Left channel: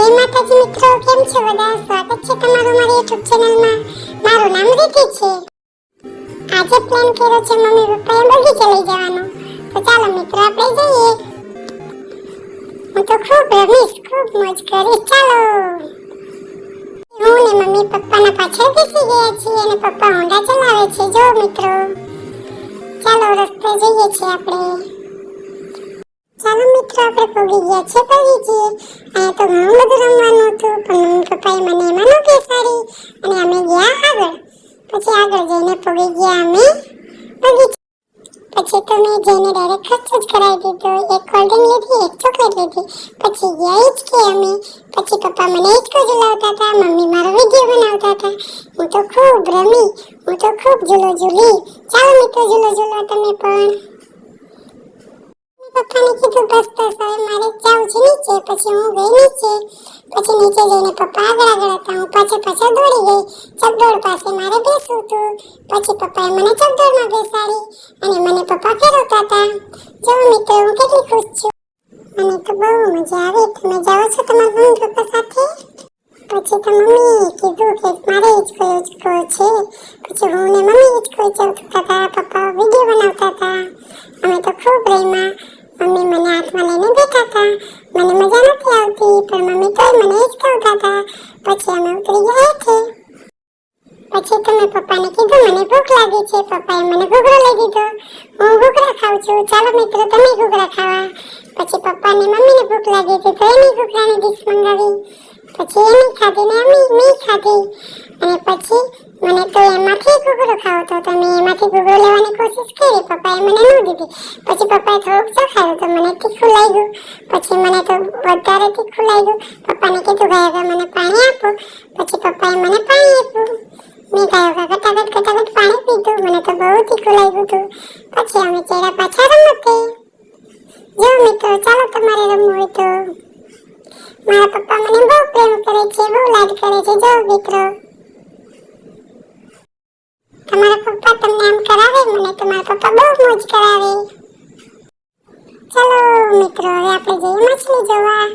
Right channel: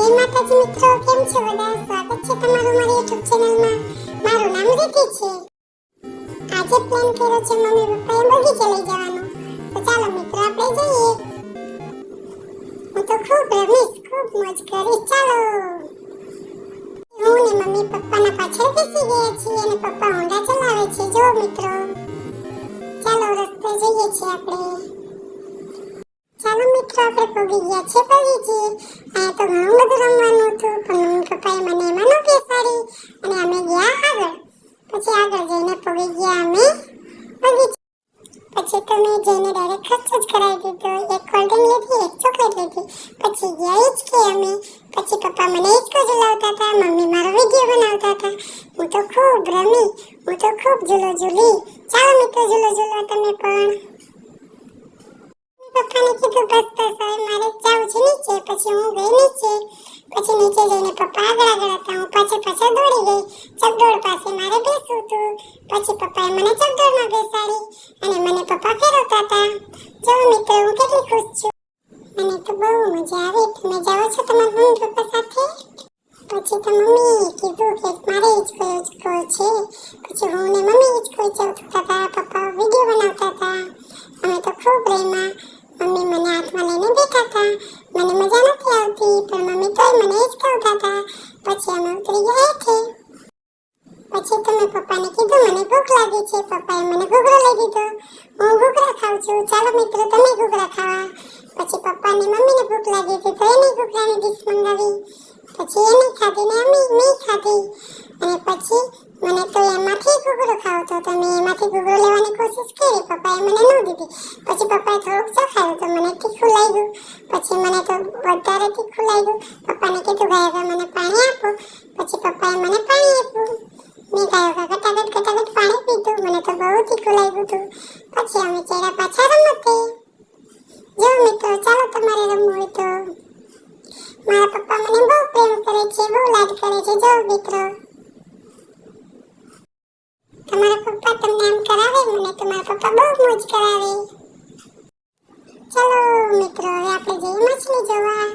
જય માતાજી મિત્રો, કેમ છો બધા? સ્વાગત છે તમારું મારી YouTube ચેનલમાં. મારું નામ રીતિ છે. આજે પ્લાન કર્યો છે મમ્મી પપ્પાએ બગીચે લઈ જવાનો. તો ચાલો મિત્રો આપણે જઈએ. હું તો ખૂબ રમીશ, ખૂબ મોજ કરીશ. ચાલો. હું ને મમ્મી પપ્પાના પાછળ બેસી ગયા છીએ અને પપ્પા હોન્ડા ચલાવે છે. જો મિત્રો, ચાલો રસ્તે જઈએ છીએ આપણે. ચાલો મિત્રો, આપણે પહોંચી ગયા છે બગીચે. અહીંયા તો ઘણું બધું રમવાનું હતું, પણ મમ્મી પપ્પાએ મને એમાં ન બેસાડી અને અમે ગયા આગળ. પછી આગળ જઈને પહોંચી ગયા અમે બગીચે. પછી તો મેં જઈને ડાયરેક્ટ ખર્ચો જ કરાવી દીધો. એક કોલ્ડ ડ્રિંક લીધી, એક ચોકલેટ લીધી. પછી ગયા હિંચકે અમે. પછી પપ્પા મને હિંચકો ઝુલાવતા હતા, મમ્મી મારો વિડીયો બનાવતા હતા. હું તો ખૂબ રમી, હું તો ખૂબ ઝૂલો ઝૂલી. ચાલો મિત્રો ઝૂલો ઝૂલો તમે પણ. પપ્પાને કીધું બસ બસ હવે મારે જાવું છે નીચે. પછી હું ગઈ નીચે. પછી નીચે જઈને પપ્પા આગળ આગળ હતા, હું પાછળ દોડી ગઈ. ચકડોળ પાસે મારે બેસવું હતું. પછી પપ્પાએ મને ચકડોળમાં બેસાડી અને મને પપ્પા ફેરવતા હતા. જો મિત્રો, હું કેટલી ખુશ છું. મને તો બહુ મજા આવી. તમે જાઓ છો તમારા મમ્મી પપ્પા સાથે? પછી તો મમ્મી કીધું કે મારે હિંચકો છે. પછી હું ને મમ્મી હિંચકો ચલાવતા હતા, પપ્પા વિડીયો બનાવતા હતા. અમે તો ખૂબ રમ્યા. મમ્મી મને હાથમાં લઈને બેઠા હતા. મને મજા નથી આવતી, પણ મમ્મી તોય મને હિંચકાવતા હતા. પછી અમે ઉતરી ગયા હેઠે. પછી તો મેં પપ્પાને કીધું મને ભૂખ લાગી છે. પપ્પાએ મને ઘૂઘરો લઈ દીધો. હું ઘૂઘરા ખાઉં છું. ચાલો મિત્રો તમે ઘૂઘરા ખાવા. પછી પપ્પાને મમ્મીને ભૂખ લાગી હતી તો એની ઘૂઘરાની ડીશ મંગાવી. પછી એની ખાધી ને મેં ખાધી. અને પછી મને તો એમાંથી ઘૂઘરો ખાવો હતો, તો મેં એમાંથી ઘૂઘરો લેવાની કોશિશ કરી. પપ્પાએ મને ન દીધી. પછી પપ્પાએ થોડુંક ચખાયું તો મને તીખું લાગ્યું. પછી મને તો વધારે તીખું લાગ્યું. પપ્પાને કીધું ગયા મને પાણી આપો. પછી પપ્પાએ મને પાણી આપ્યું. મેં ઘટાઘટ પાણી પીધું. મને તો બહુ તીખું લાગ્યું હતું. પછી અમે ચડ્યા પાછા રમતે. જો મિત્રો, ચાલો તમારે રમવું હોય તો. મારા પપ્પા મને બહુ પ્રેમ કરે છે, બહુ લાડ કરે છે. જો મિત્રો, તમારા પપ્પા તમને આમ કરાવે, મને તો મારા પપ્પા બહુ મોજ કરાવે. ચાલો મિત્રો, હવે આપણે જઈએ માછલી જોવા.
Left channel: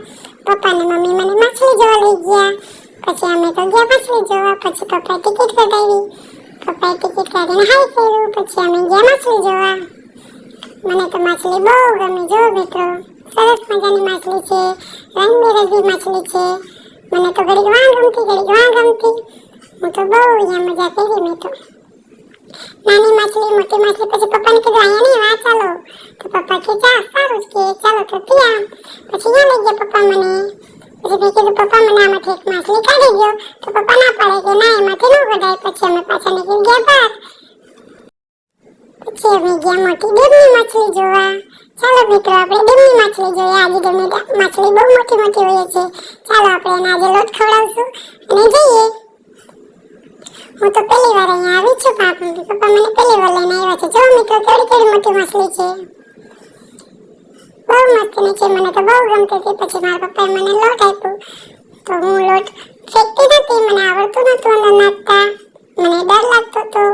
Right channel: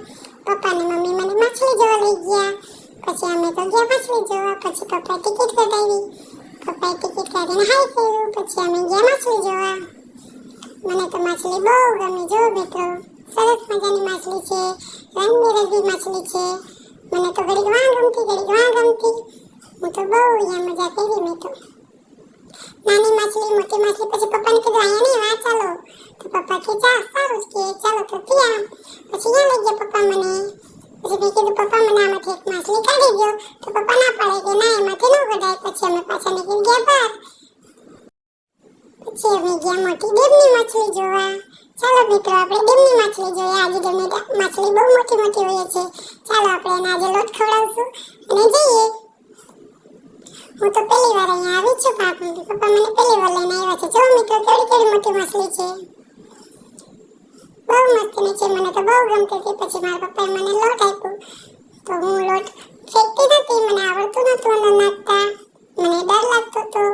પપ્પા ને મમ્મી મને માછલી જોવા લઈ ગયા. પછી અમે તો ગયા માછલી જોવા. પછી પપ્પાએ ટિકિટ કઢાવી. પપ્પાએ ટિકિટ કાઢીને હાઈ કર્યું. પછી અમે ગયા માછલી જોવા. મને તો માછલી બહુ ગમે. જો મિત્રો, સરસ મજાની માછલી છે, રંગબેરંગી માછલી છે. મને તો ઘડીક વાં ગમતી. હું તો બહુ અહીંયા મજા કરી. મેં તો નાની માછલી, મોટી માછલી. પછી પપ્પાને કીધું અહીંયા નહીં, વાં ચાલો. તો પપ્પા કે ચા સારું જ કે ચાલો તો ત્યાં. પછી ત્યાં લઈ ગયા પપ્પા મને. પછી મેં કીધું પપ્પા મને આમાંથી એક માછલી કાઢી દો. તો પપ્પા ના પાડે કે ના, એમાંથી ન કઢાય. પછી અમે પાછા નીકળી ગયા બહાર. પછી અમે ગયા મોટી ડેમની માછલી જોવા. ચાલો મિત્રો, આપણે ડેમની માછલી જોઈએ. આજે ડેમની માછલી બહુ મોટી મોટી હોય છે. ચાલો આપણે એને આજે લોટ ખવડાવશું અને જઈએ. હું તો પહેલી વાર અહીંયા આવી છું. પપ્પા મને પહેલી વાર લઈને આવ્યા છે. જો મિત્રો, કેવી મોટી માછલી છે. બહુ મસ્તીની છે. મને તો બહુ ગમતી હતી. પછી મારા પપ્પાએ મને લોટ આપ્યું. તો હું લોટ ફેંકતી નથી. મને આવડતું નતું અંદર નાખતા. મને ડર લાગતો હતો.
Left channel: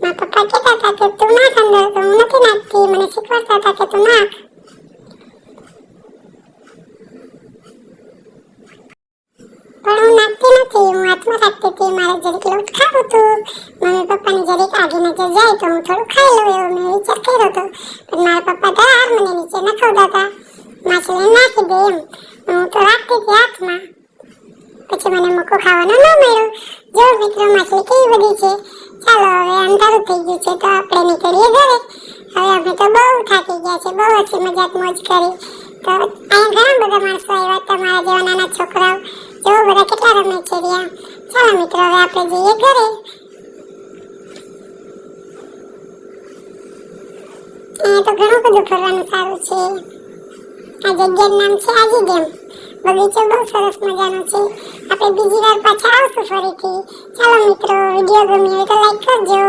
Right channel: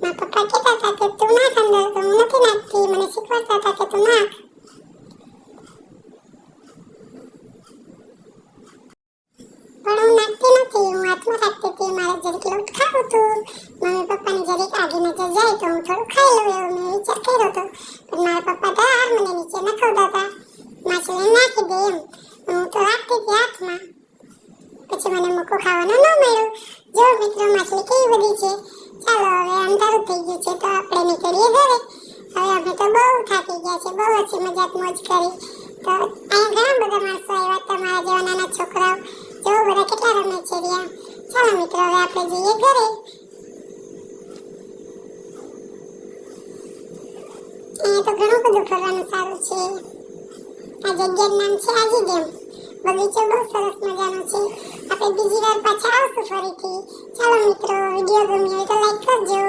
મારા પપ્પા કહેતા હતા કે તું નાખ અંદર, તો હું નથી નાખતી. મને શીખવાડતા હતા કે તું નાખ. પણ હું નાખતી નથી. હું હાથમાં રાખતી હતી. મારે જરીક લોટ ખાવું હતું. મમ્મી પપ્પાની જરીક આગી નજર જાય તો હું થોડું ખાઈ લઉં એવો મેં વિચાર કર્યો હતો. પણ મારા પપ્પા ધાર મને નીચે નખાવતા હતા. માછલી નાખી દે એમ. હું તો રાખતી હતી હાથમાં. પછી મને મોકો ખાવાનો ન મળ્યો. જો મિત્રો, માછલી કેવી બધી છે. ચાલો હવે અંધારું થઈ ગયું છે, તો આપણે નીકળીએ ઘરે. હવે અમે તો બહુ થાકી ગયા છે, બહુ ઓછી મજાક મોજ કરી. તો અહીંયા ઘણા બધા માણસો આવ્યા, તમારા જેવા નાના છોકરાઓ. જો બધા કેટલા રમે છે રહ્યા. ચાલો મિત્રો, હવે આપણે જઈએ ઘરે. અહીંયા તો ઘણું બધું ફરવાનું સારું છે. આ જગ્યાનું નામ છે આજી ડેમ. બગીચો બહુ સરસ મજાનો છે. આપણે બીજી વાર પાછા આવશું ફરીથી. ચાલો મિત્રો, વિડીયો ગમ્યો હોય તો લાઈક કરજો.